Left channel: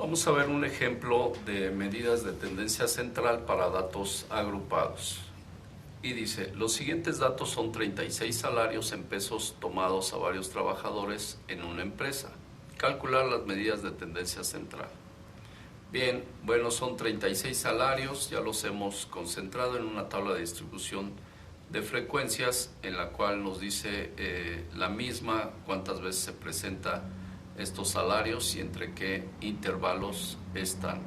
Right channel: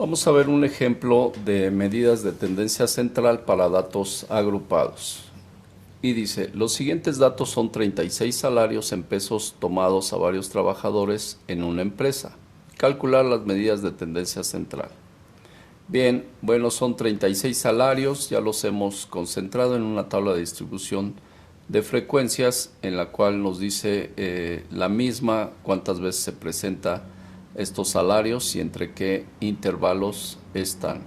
Vamos a ver un ejemplo de medidas de tendencia central para datos agrupados. Y dice, los siguientes datos son 36 salarios en pesos tomados a varios trabajadores en una empresa. Calcular las medidas de tendencia central. Bien, bueno, son 36 salarios, ya los hemos concentrado en una tabla de distribución de frecuencias en la cual nos dice la misma cuántas veces se presenta estos salarios y entre qué intervalos están.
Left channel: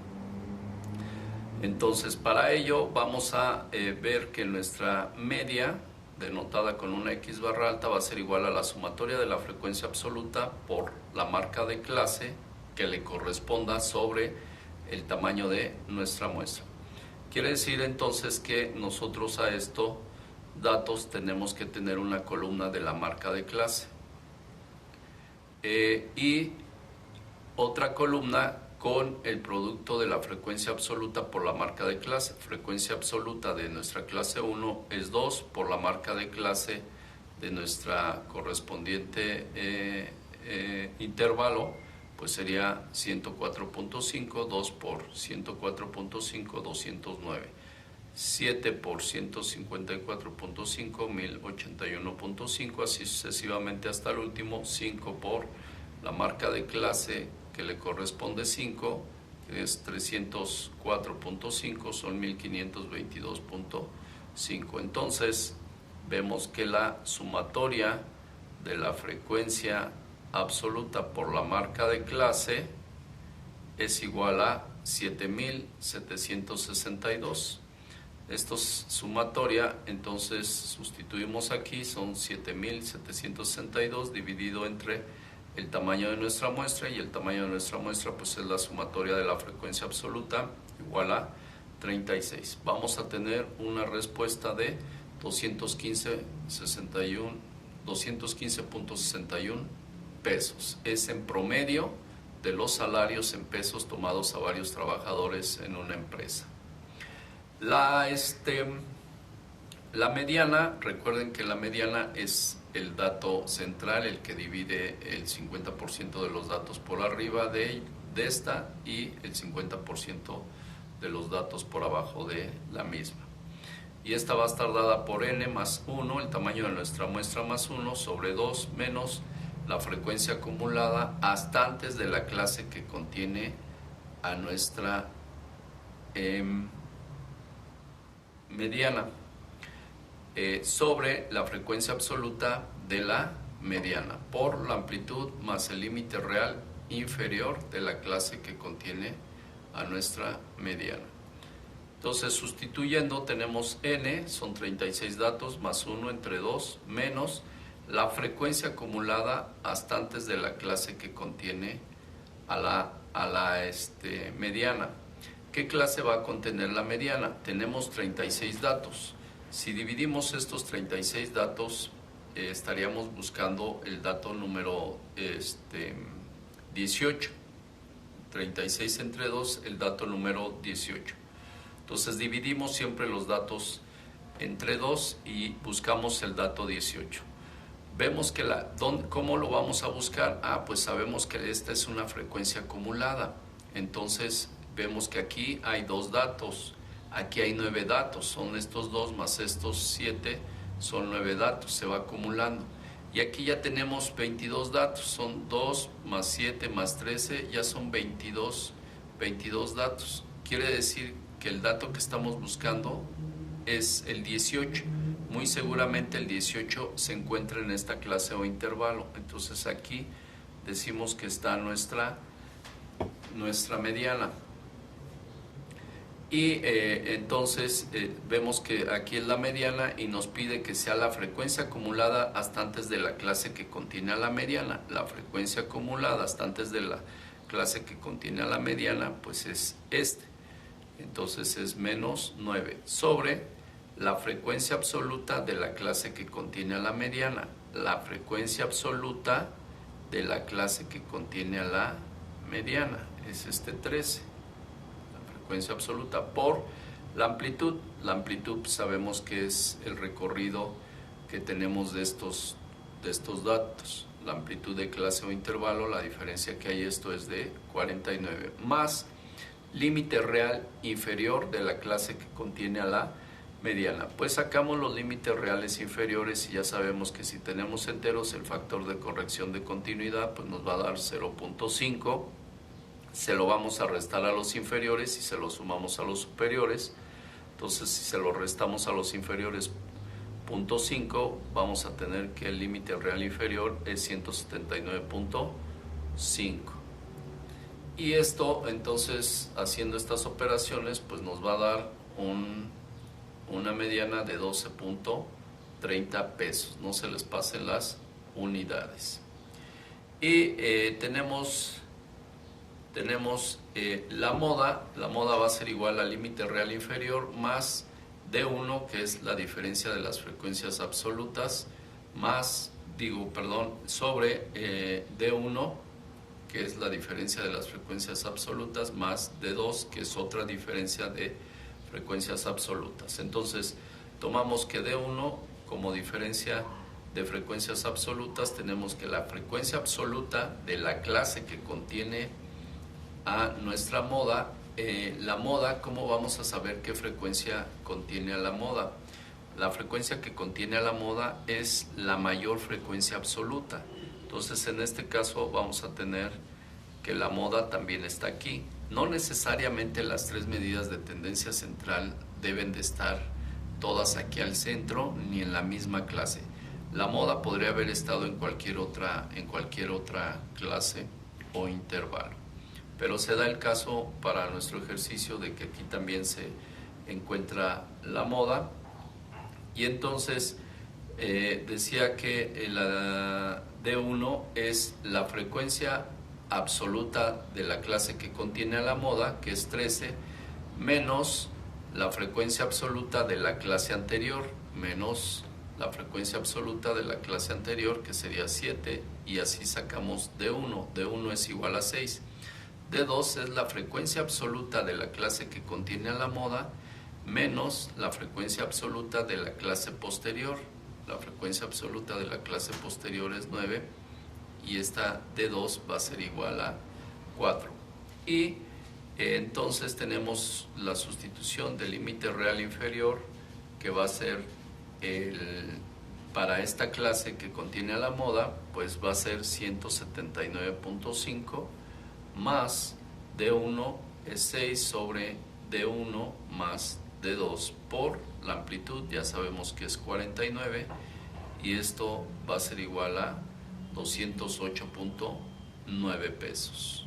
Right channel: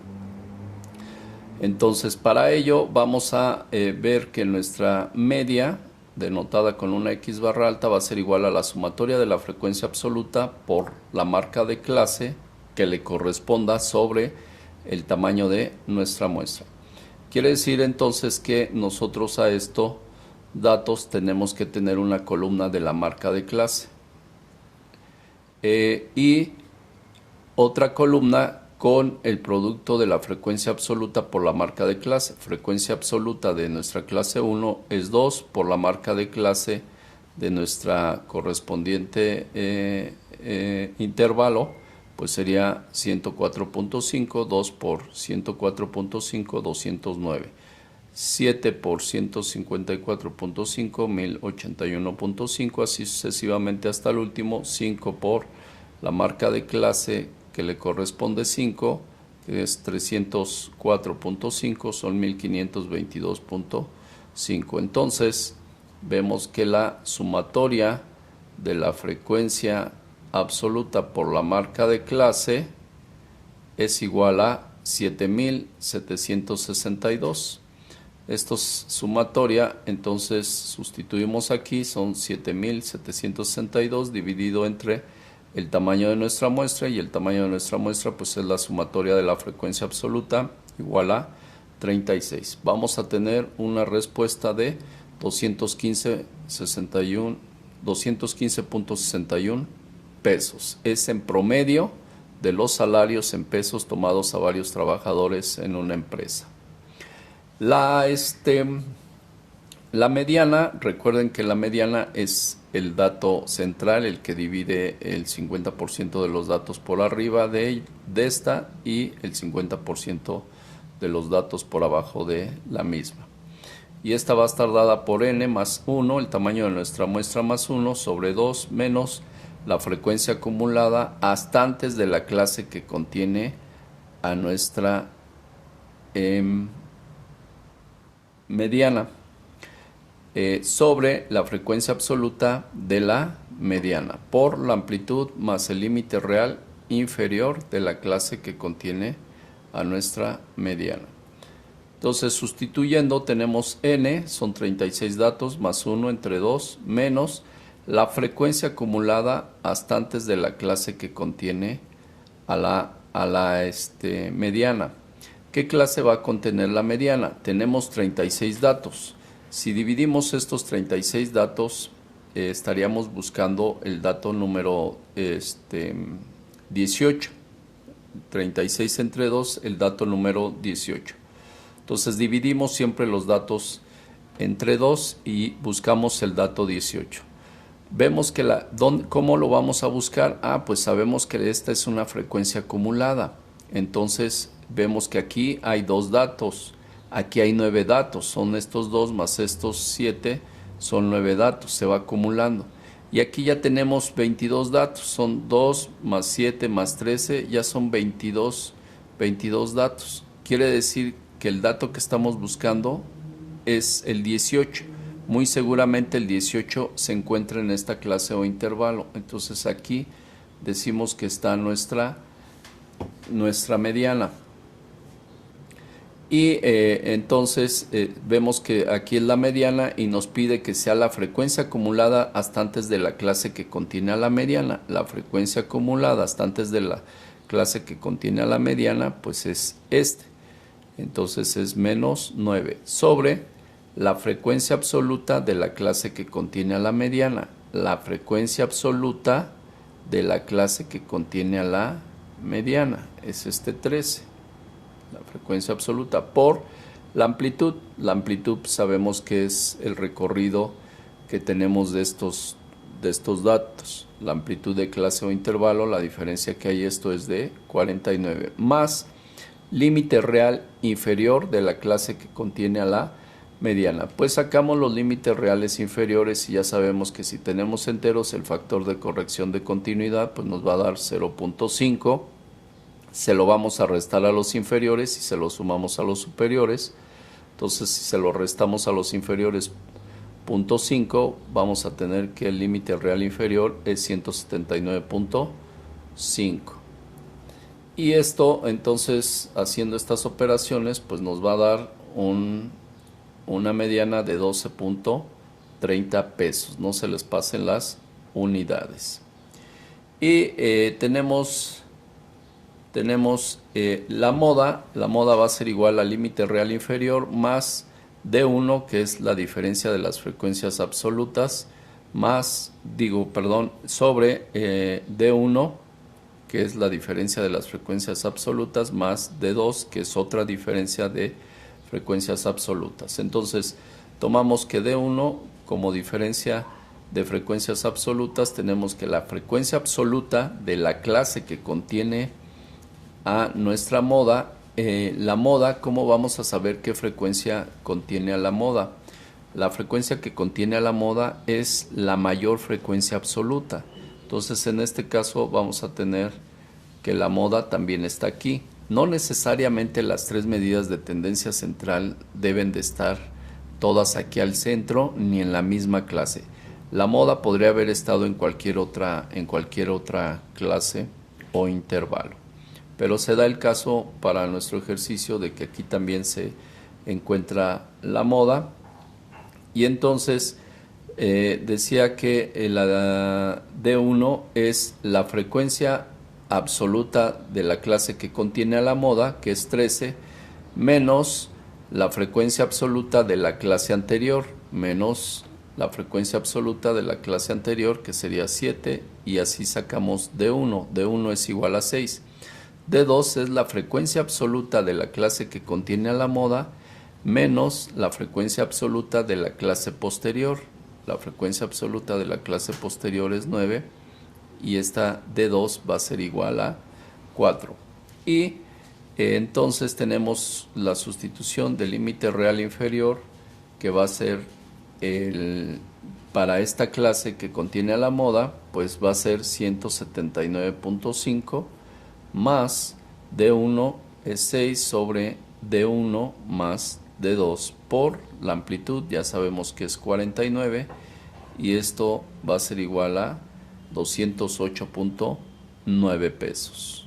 Entonces, para ello vamos a ver que nuestra media, denotada con una X barra alta, va a ser igual a la sumatoria de la frecuencia absoluta por la marca de clase que le corresponda sobre el tamaño de nuestra muestra. Quiere decir entonces que nosotros a estos datos tenemos que tener una columna de la marca de clase y otra columna con el producto de la frecuencia absoluta por la marca de clase. Frecuencia absoluta de nuestra clase 1 es 2 por la marca de clase de nuestra correspondiente intervalo, pues sería 104.5, 2 por 104.5, 209. 7 por 154.5, 1081.5, así sucesivamente hasta el último. 5 por la marca de clase que le corresponde 5, que es 304.5, son 1522.5. Entonces, vemos que la sumatoria de la frecuencia absoluta por la marca de clase es igual a 7762. Esto es sumatoria, entonces sustituimos aquí, son 7762 dividido entre el tamaño de nuestra muestra, y el tamaño de nuestra muestra pues es la sumatoria de la frecuencia absoluta, igual a 36. Vamos a tener una respuesta de 215.61 pesos. Es en promedio de los salarios en pesos tomados a varios trabajadores en una empresa. La mediana, recuerden que la mediana es el dato central, el que divide el 50% de los datos por arriba de esta y el 50% de los datos por abajo de la misma. Y esta va a estar dada por n más 1, el tamaño de nuestra muestra más 1, sobre 2 menos la frecuencia acumulada hasta antes de la clase que contiene a nuestra mediana, sobre la frecuencia absoluta de la mediana por la amplitud más el límite real inferior de la clase que contiene a nuestra mediana. Entonces, sustituyendo, tenemos n, son 36 datos, más 1 entre 2, menos la frecuencia acumulada hasta antes de la clase que contiene a la mediana. ¿Qué clase va a contener la mediana? Tenemos 36 datos. Si dividimos estos 36 datos, estaríamos buscando el dato número 18. 36 entre 2, el dato número 18. Entonces dividimos siempre los datos entre 2 y buscamos el dato 18. Vemos que ¿cómo lo vamos a buscar? Pues sabemos que esta es una frecuencia acumulada. Entonces vemos que aquí hay 2 datos, aquí hay 9 datos, son estos 2 más estos 7, son 9 datos, se va acumulando. Y aquí ya tenemos 22 datos, son 2 más 7 más 13, ya son 22 datos. Quiere decir que el dato que estamos buscando es el 18. Muy seguramente el 18 se encuentra en esta clase o intervalo. Entonces aquí decimos que está nuestra mediana. Y entonces vemos que aquí es la mediana y nos pide que sea la frecuencia acumulada hasta antes de la clase que contiene a la mediana. La frecuencia acumulada hasta antes de la clase que contiene a la mediana, pues es Entonces es menos 9 sobre la frecuencia absoluta de la clase que contiene a la mediana. La frecuencia absoluta de la clase que contiene a la mediana es 13. La frecuencia absoluta por la amplitud. La amplitud sabemos que es el recorrido que tenemos de estos de estos datos. La amplitud de clase o intervalo, la diferencia que hay esto es de 49, más límite real inferior de la clase que contiene a la mediana. Pues sacamos los límites reales inferiores y ya sabemos que si tenemos enteros el factor de corrección de continuidad pues nos va a dar 0.5. Se lo vamos a restar a los inferiores y se lo sumamos a los superiores. Entonces si se lo restamos a los inferiores 0.5, vamos a tener que el límite real inferior es 179.5. Y esto entonces haciendo estas operaciones pues nos va a dar una mediana de 12.30 pesos. No se les pasen las unidades. Y tenemos la moda va a ser igual al límite real inferior más D1, que es la diferencia de las frecuencias absolutas, sobre D1, que es la diferencia de las frecuencias absolutas, más D2, que es otra diferencia de frecuencias absolutas. Entonces, tomamos que D1 como diferencia de frecuencias absolutas, tenemos que la frecuencia absoluta de la clase que contiene a nuestra moda, la moda, ¿cómo vamos a saber qué frecuencia contiene a la moda? La frecuencia que contiene a la moda es la mayor frecuencia absoluta. Entonces, en este caso vamos a tener que la moda también está aquí. No necesariamente las tres medidas de tendencia central deben de estar todas aquí al centro ni en la misma clase. La moda podría haber estado en cualquier otra clase o intervalo. Pero se da el caso para nuestro ejercicio de que aquí también se encuentra la moda. Y entonces decía que la D1 es la frecuencia absoluta de la clase que contiene a la moda, que es 13, menos la frecuencia absoluta de la clase anterior, menos la frecuencia absoluta de la clase anterior, que sería 7, y así sacamos D1. D1 es igual a 6. D2 es la frecuencia absoluta de la clase que contiene a la moda, menos la frecuencia absoluta de la clase posterior. La frecuencia absoluta de la clase posterior es 9 y esta D2 va a ser igual a 4. Y entonces tenemos la sustitución del límite real inferior, que va a ser para esta clase que contiene a la moda, pues va a ser 179.5 más D1 es 6 sobre D1 más D2 por la amplitud, ya sabemos que es 49, y esto va a ser igual a 208.9 pesos.